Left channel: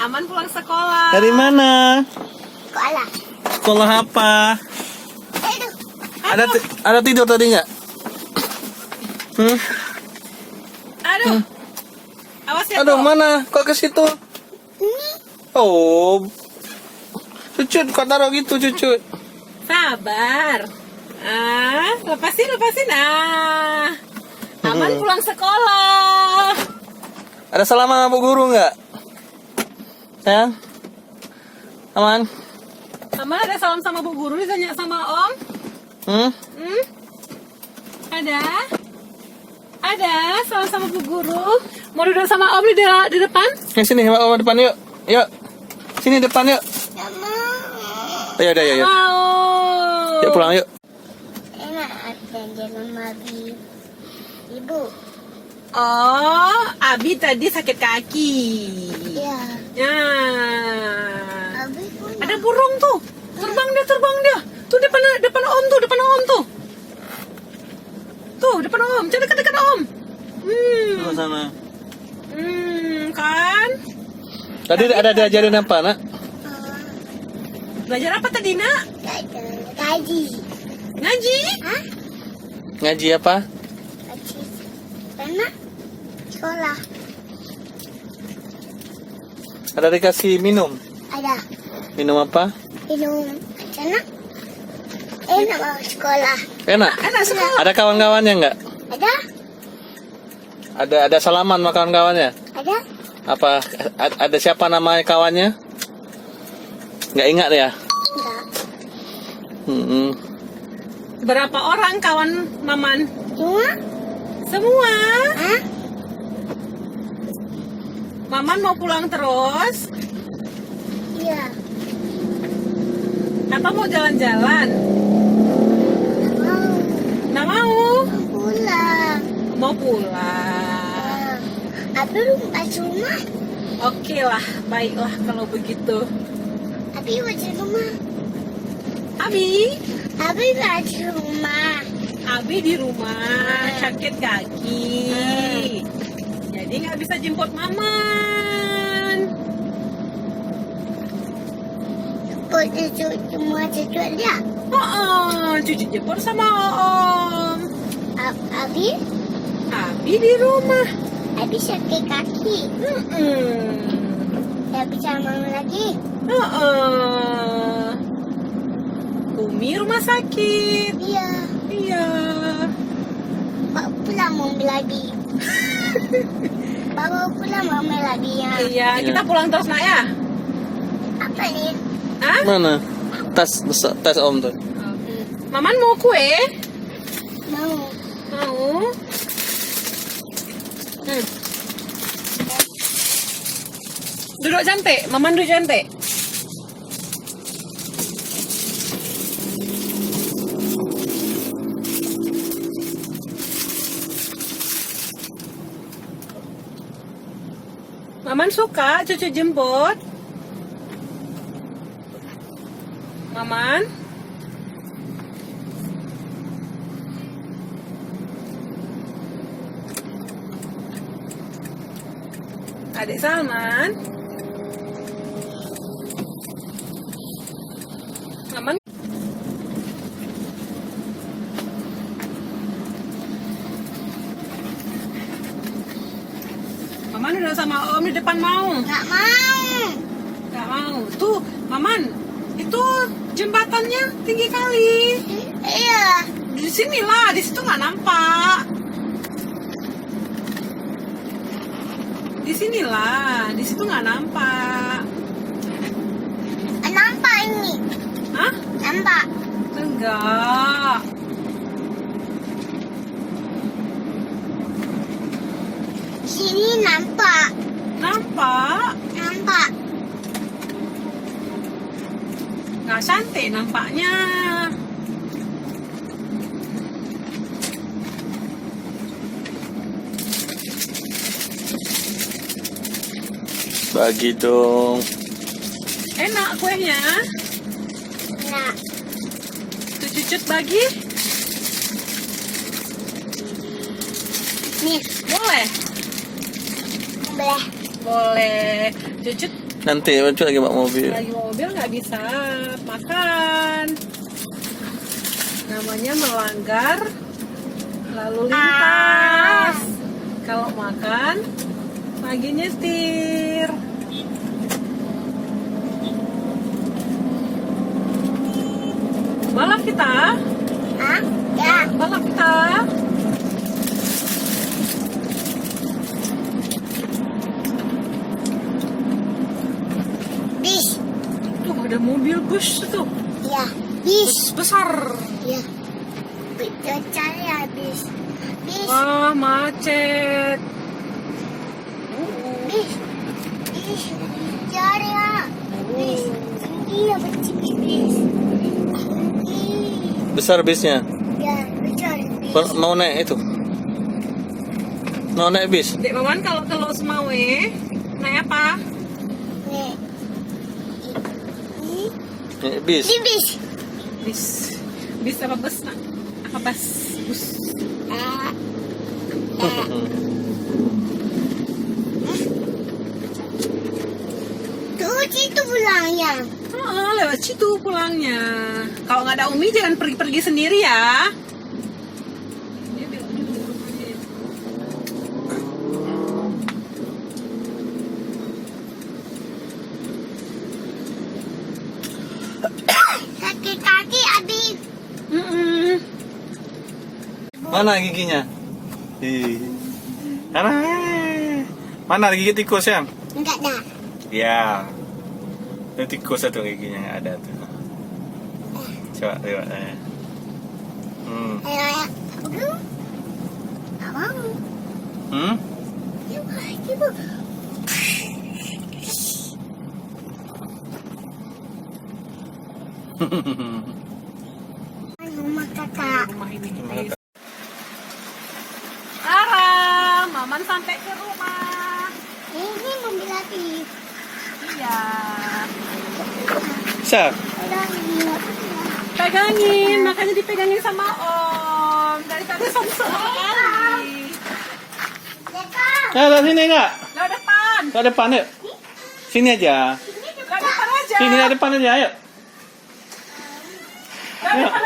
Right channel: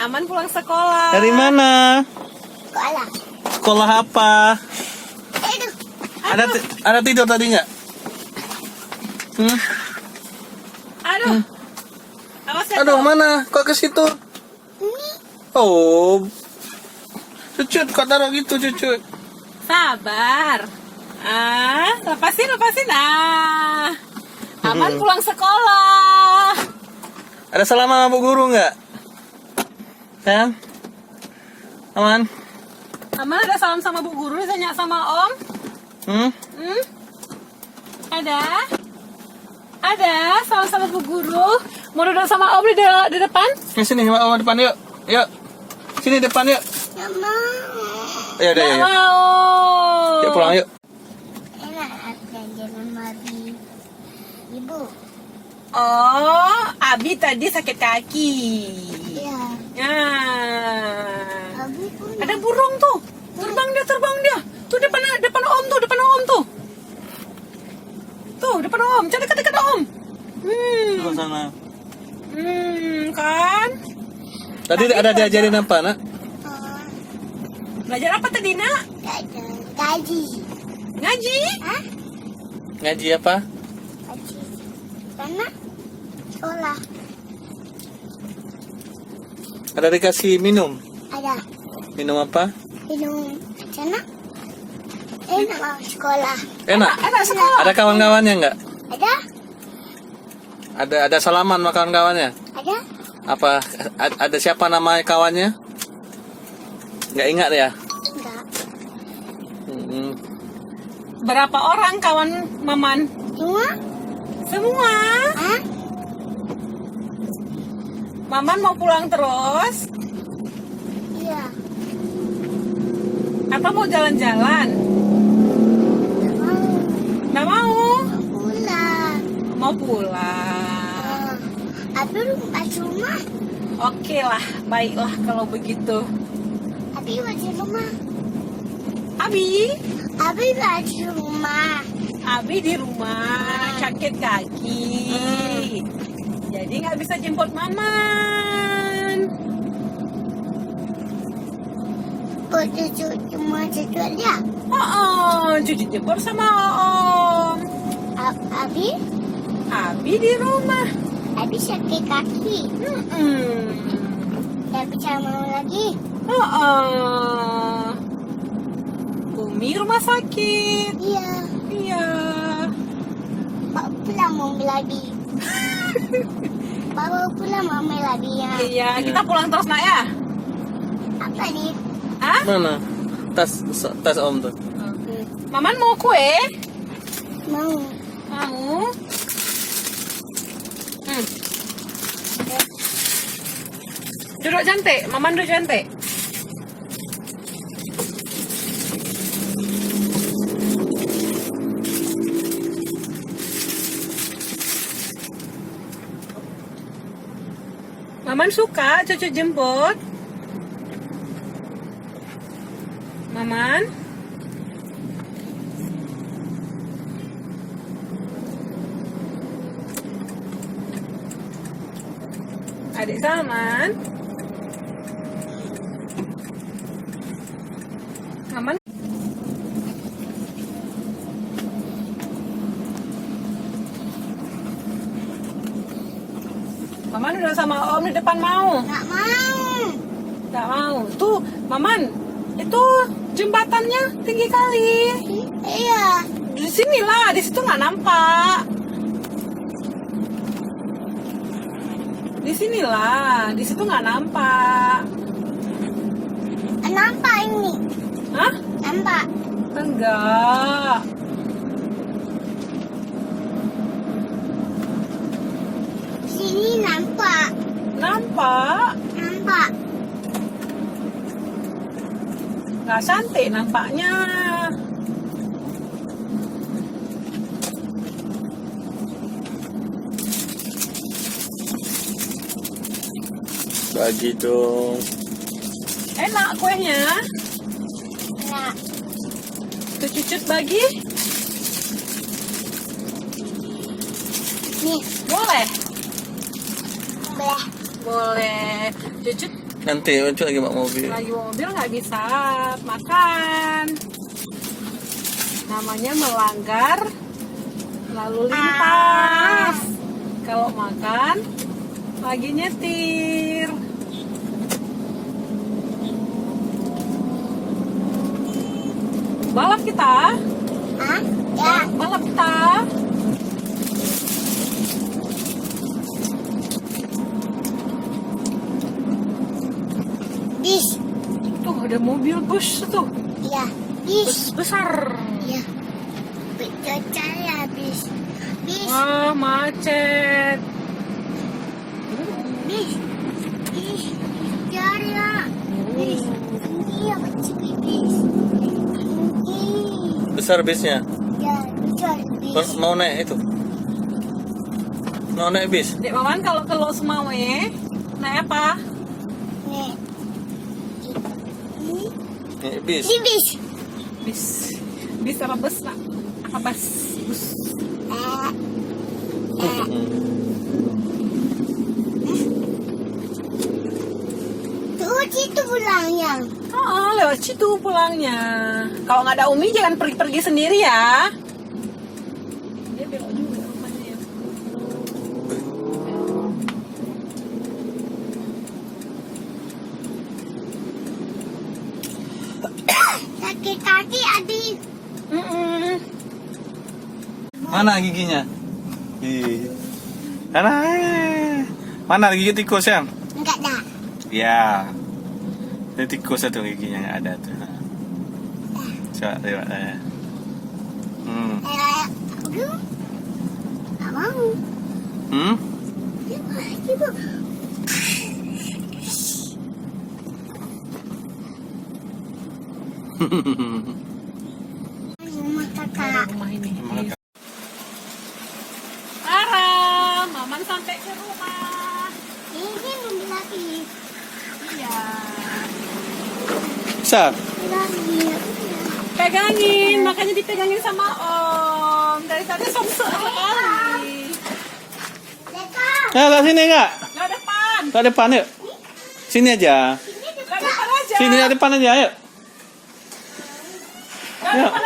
Aman pulang sekolah. Dari mana? Sekolah. Sekolah apa? Aduh. Ada tidur tadi nggak? Aduh. Awas ya. Aduh, mana? Kok ke situ? Ini. Oh. Cucut, kok taruh gitu, cucut? Sabar. Lepasin. Aman pulang sekolah. Ada salam sama Bu Guru nggak? Sayang? Aman? Aman ada salam sama Bu Guru, ditanya sama Om. Ada? Ada salam sama Bu Guru. Mau duduk sama Om di depan? Sini, sama depan yuk. Yuk. Sini depan yuk. Nggak mau. Ya udah, Nggak yuk. mau. Yuk pulang yuk. Enak janjian sama ibu. Oh, Abi tadi sakit kaki. Iya. Ya. Abi pun. Ada burung tuh. Terbang dia. Tuh depan Om tuh. Tuh depan Om. Jangan dekat Om. Ke sana. Kan? Tadi ada diajarin apa, Nak? Belajar apa tadi, Nak? Gaji. Ngaji? Hah? Ngaji apa? Gaji. Karena sekolah. Ada dikasih minum. Ada. Minum apa? Minum. Sana. Enak mau sekolah. Enak. Enak sekolah. Ada kawan-kawannya nggak? Ada. Ada salaman sama kawan-kawannya? Ada. Apa? Ada siapa nama kawannya? Nggak ingat ya? Enggak. Berapa orang kawan Maman? Semua. Semua. Hah? Maman mau pulang terus? Iya. Apa mau jalan-jalan? Nggak mau. Nggak mau. Mau pulang. Mau pulang. Abi rumah rumah. Oke lah, baiklah kalau begitu. Abi masih rumah. Abi Masih rumah. Abi di rumah sakit kaki. Jadi nggak bisa jemput Maman. Cuma cucu dia. Cuci jemput sama Om. Abi Abi di rumah. sakit kaki. Nggak bisa mau lagi. Umi rumah sakit. Iya. Iya. Bawa pulang mau lagi. Bawa pulang mau lagi ya. Iya, kita pulang terus nak ya. Apa nih? Hah? Mana? Tas Om tuh. Maman mau kue? Mau. Mau. Duduk cantik, Maman duduk cantik. Maman suka cucu jemput. Maman. Adik Salman. Maman. Maman udah sama Om di depan mau. Nggak mau. Nggak mau. Tuh, Maman. Itu jembatannya tinggi kali. Iya. Di sini lah, di situ nggak nampak. Di sinilah, di situ nggak nampak. Nampak ini. Hah? Nampak. Enggak. Sini nampak. Nampak? Nampak. Nggak cantik nampaknya. Bagi dong. Enak kuenya. Nah, Tuh cucut bagi. nih Boleh? boleh. Boleh. Cucut Nanti lucu lagi bawa mobil. Lagi bawa mobil nggak bisa makan. Namanya melanggar lalu lintas. Kalau makan lagi nyetir. Balap kita. Hah? Ya. Balap kita. Bis. Tuh ada mobil bus tuh. Ya. Bis. Besar. Ya. Betul ya bis. Bis. Wah, macet. Bis. Bis. Cari ya. Bis. Iya kecil bis. Tinggi. Besar bisnya. Ya, betul bis. Mau naik itu? Mau naik bis? Dek Maman kalau Semawe naik apa? Nih. Ini. Naik bis. Ini bis. Bis. Bis apa bus nak? Apa bus? Bus. Ah. Tuh situ pulangnya. Oh, lewat situ pulangnya. Kalau nggak ada Umi jangan pergi-pergi sendiri ya. Dia belok dulu rumahnya. Sakit kaki Abi. Mm-mm. Mana giginya? Mana? Mana gigi tikus ya? Enggak ada. Ya. Itu tikus satu giginya yang ada tuh. Coba lihat. Ayo, ayo. Aduh. Nggak mau. Hmm? Ibu. Rumah kakak. Rumah ini. Rumah kakak. Sekarang Maman sampai ke rumah. Ini mobil lagi. Iya. Bisa? Lagi. Pegangin, makanya dipegangin sama Om. Dari tadi song-song. Lewat sini enggak? Lewat depan. Lewat depan yuk. Sini aja. Lewat depan aja. Sini lewat depan aja, ayo. Lewat depan